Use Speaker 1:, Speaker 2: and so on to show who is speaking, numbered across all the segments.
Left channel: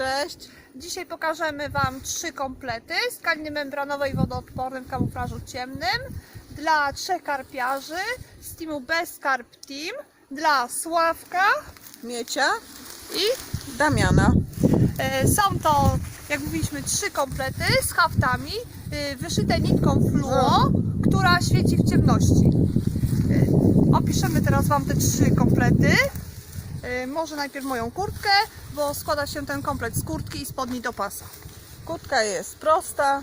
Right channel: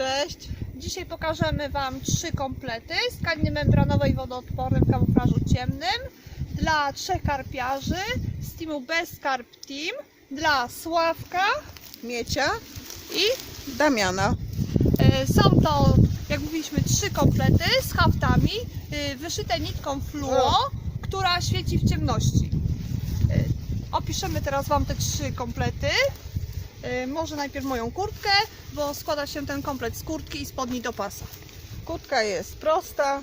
Speaker 1: cześć.
Speaker 2: Dzisiaj pokażemy Wam trzy komplety z tkaniny membranowej wodoodpornej w kamuflażu ciemnym dla trzech karpiarzy z teamu Best Carp Team, dla Sławka
Speaker 1: Miecia,
Speaker 2: i
Speaker 1: Damiana.
Speaker 2: e, są to, jak mówiliśmy, trzy komplety z haftami e, wyszyte nitką fluo, która świeci w ciemności. E, opiszemy teraz Wam te trzy komplety. E, może najpierw moją kurtkę, bo składa się ten komplet z kurtki i spodni do pasa.
Speaker 1: Kurtka jest prosta,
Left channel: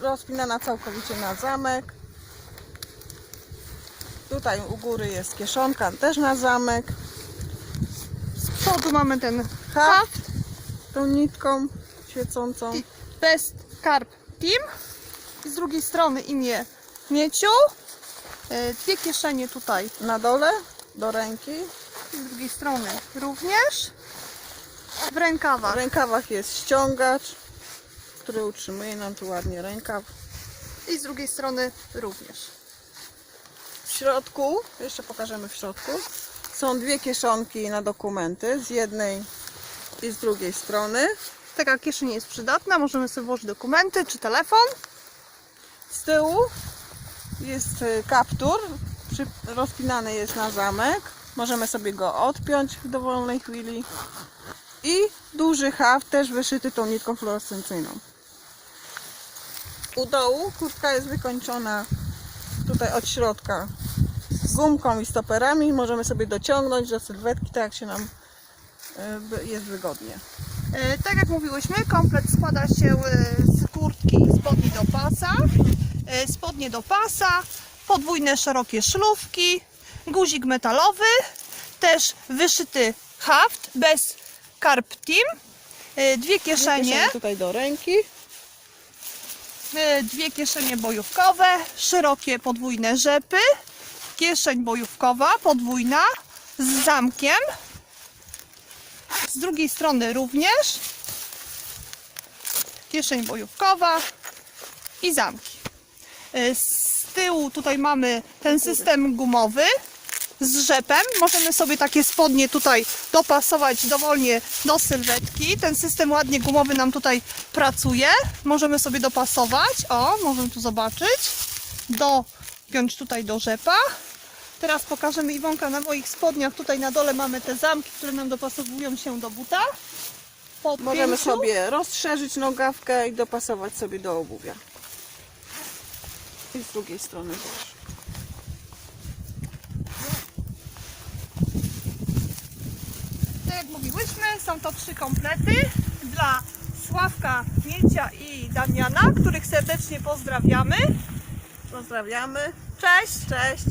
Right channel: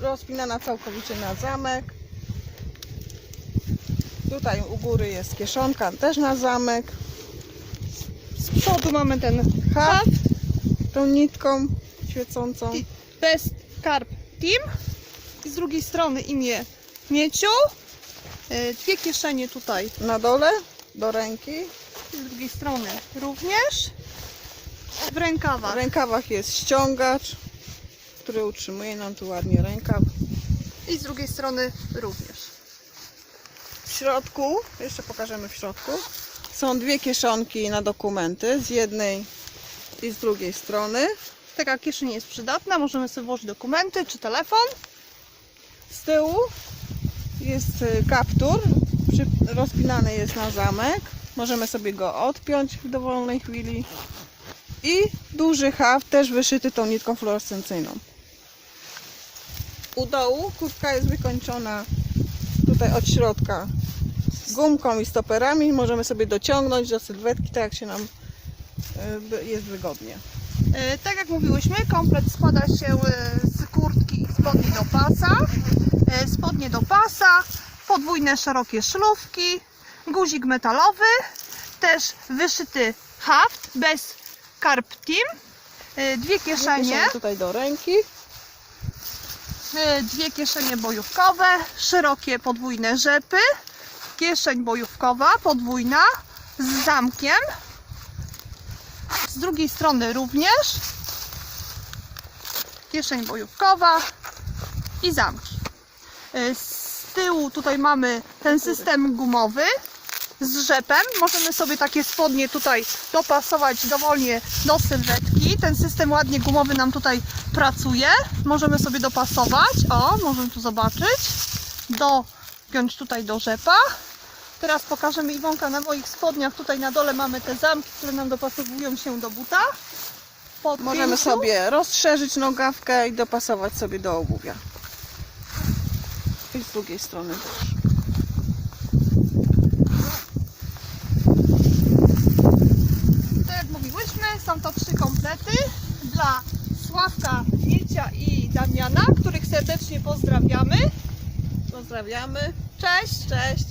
Speaker 1: rozpinana całkowicie na zamek. Tutaj u góry jest kieszonka, też na zamek.
Speaker 2: Z przodu mamy ten
Speaker 1: Haft. Tą nitką świecącą.
Speaker 2: Best Carp Team. I z drugiej strony imię Mieciu. E, Dwie kieszenie tutaj
Speaker 1: Na dole do ręki.
Speaker 2: I z drugiej strony również. W rękawach
Speaker 1: W rękawach jest ściągacz, który utrzymuje nam tu ładnie rękaw.
Speaker 2: i z drugiej strony również.
Speaker 1: W środku, jeszcze pokażemy w środku, są dwie kieszonki na dokumenty z jednej i z drugiej strony.
Speaker 2: Taka kieszeń jest przydatna, możemy sobie włożyć dokumenty czy telefon.
Speaker 1: Z tyłu jest y, kaptur, rozpinany jest na zamek. Możemy sobie go odpiąć w dowolnej chwili. I duży haft, też wyszyty tą nitką fluorescencyjną. U dołu kurtka jest wykończona tutaj od środka gumką i stoperami. Możemy sobie dociągnąć do sylwetki, tak jak się nam by- jest wygodnie.
Speaker 2: E, Tak jak mówiłyśmy, komplet składa się e, z kurtki i spodni do pasa, e, spodnie do pasa, podwójne szerokie szlówki, guzik metalowy, też wyszyty haft bez carp team, e, dwie
Speaker 1: kieszenie, tutaj do ręki.
Speaker 2: e, dwie kieszenie bojówkowe, szerokie podwójne rzepy, kieszeń bojówkowa podwójna z zamkiem, z drugiej strony również kieszeń bojówkowa i zamki. E, Z tyłu tutaj mamy ten system gumowy z rzepem. Możemy sobie takie spodnie tutaj dopasować dowolnie do sylwetki. Ten system ładnie gumowy nam tutaj pracuje. Możemy sobie dopasować. O, możemy tu zobaczyć. Dopiąć tutaj do rzepa. Teraz pokażemy Iwonka na moich spodniach. Tutaj na dole mamy te zamki, które nam dopasowują się do buta. Po
Speaker 1: Możemy
Speaker 2: pięciu.
Speaker 1: sobie rozszerzyć nogawkę i dopasować sobie do obuwia. I z drugiej strony też.
Speaker 2: Tak jak mówiłyśmy, są to trzy komplety dla Sławka, Miecia i Damiana, których serdecznie pozdrawiamy.
Speaker 1: Pozdrawiamy.
Speaker 2: Cześć!
Speaker 1: Cześć.